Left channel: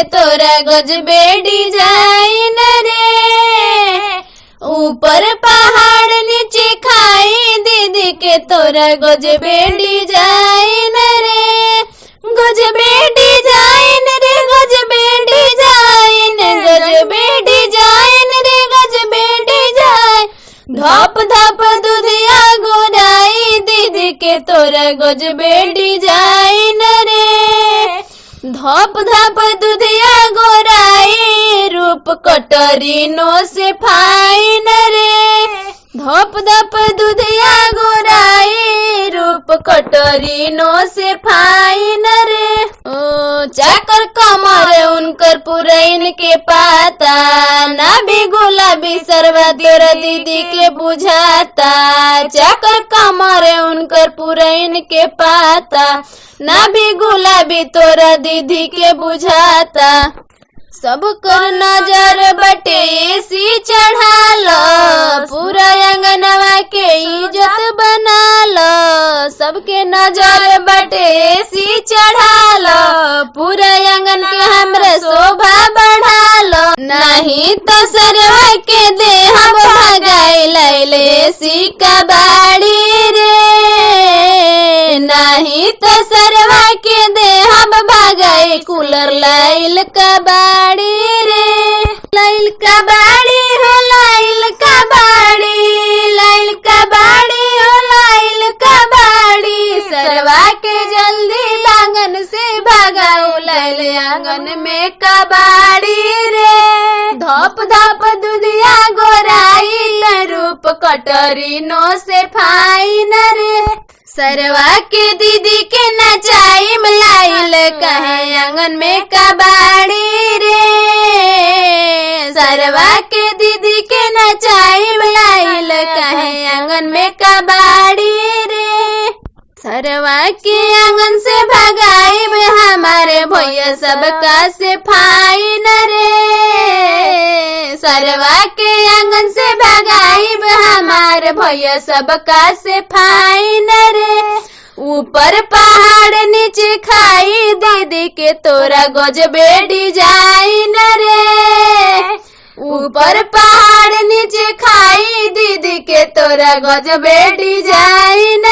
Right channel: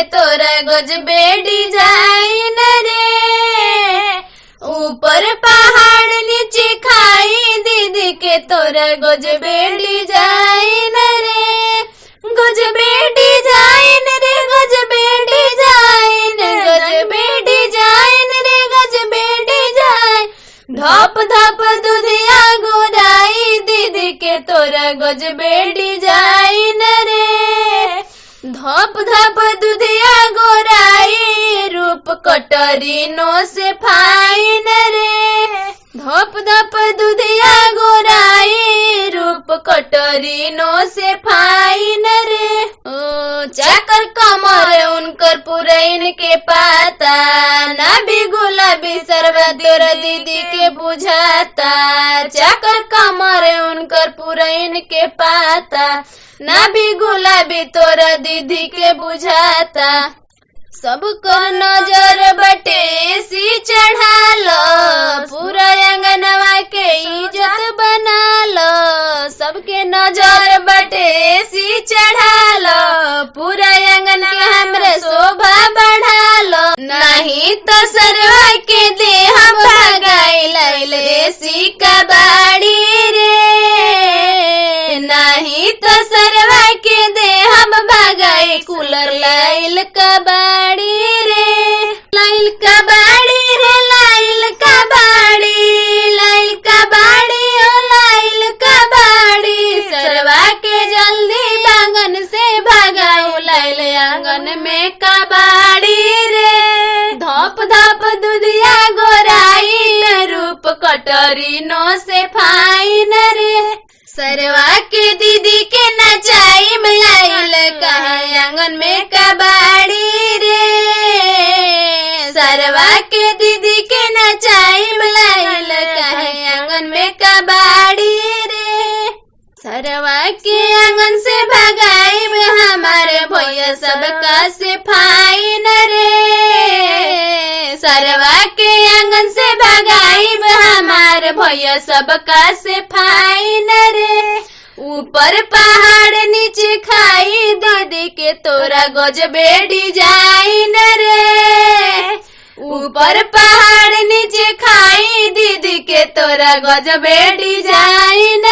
के तोरा गजबे डिजाइन रे। ऊपर पहाड़ नीचे खाई दीदी के तोरा गजबे डिजाइन रे। गजबे डिजाइन रे गजबे डिजाइन, गजबे डिजाइन रे गजबे डिजाइन। धप धप दुधिया गोराई दीदी के तोरा गजबे डिजाइन रे। धप धप दुधिया गोराई रूप कटरीनो से फाइन रे। धप धप दुधिया गोराई रूप कटरीनो से फाइन रे। ओ चाकर कमर उनकर पुरैन के पाता, ना भी गुलाबी सरवा तोरा दीदी के बुझाता। चाकर कमर उनकर पुरैन के पाता, ना भी गुलाबी तोरा दीदी के बुझाता। सबकर नजर बटे सी चढ़ा लो, पूरा अंगनवा के इज्जत बना लो। सबके नजर बटे सी चढ़ा लो, पूरा अंगन के हमरे शोभा बढ़ा लो। नहीं तो सरवा के दे हम भगाई लैले सी कबाड़ी रे। नहीं तो सरवा के दे हम भगाई कूलर लाइल कबाड़ी रे। लाइल कबाड़ी रे लाइल कबाड़ी, लाइल कबाड़ी हो लाइल कबाड़ी। सरवा के जल्दी बांगन से भगाओ लाइल आंगन में कबाड़ी रे। धप धप दुधिया गोराई रूप कटरीनो से फाइन रे। सरवा के दीदी के नचाई लाइल कहे आंगन में कबाड़ी रे। सरवा के दीदी के नचाई लाइल कहे आंगन में कबाड़ी रे। सरवा के आंगन से भगाई हमारे भैया सबका से फाइन रे। सरवा के आंगन से भगाई हमारे भैया सबका से फाइन रे। ऊपर पहाड़ नीचे खाई दीदी के तोरा गजबे डिजाइन रे। ऊपर पहाड़ नीचे खाई दीदी के तोरा गजबे डिजाइन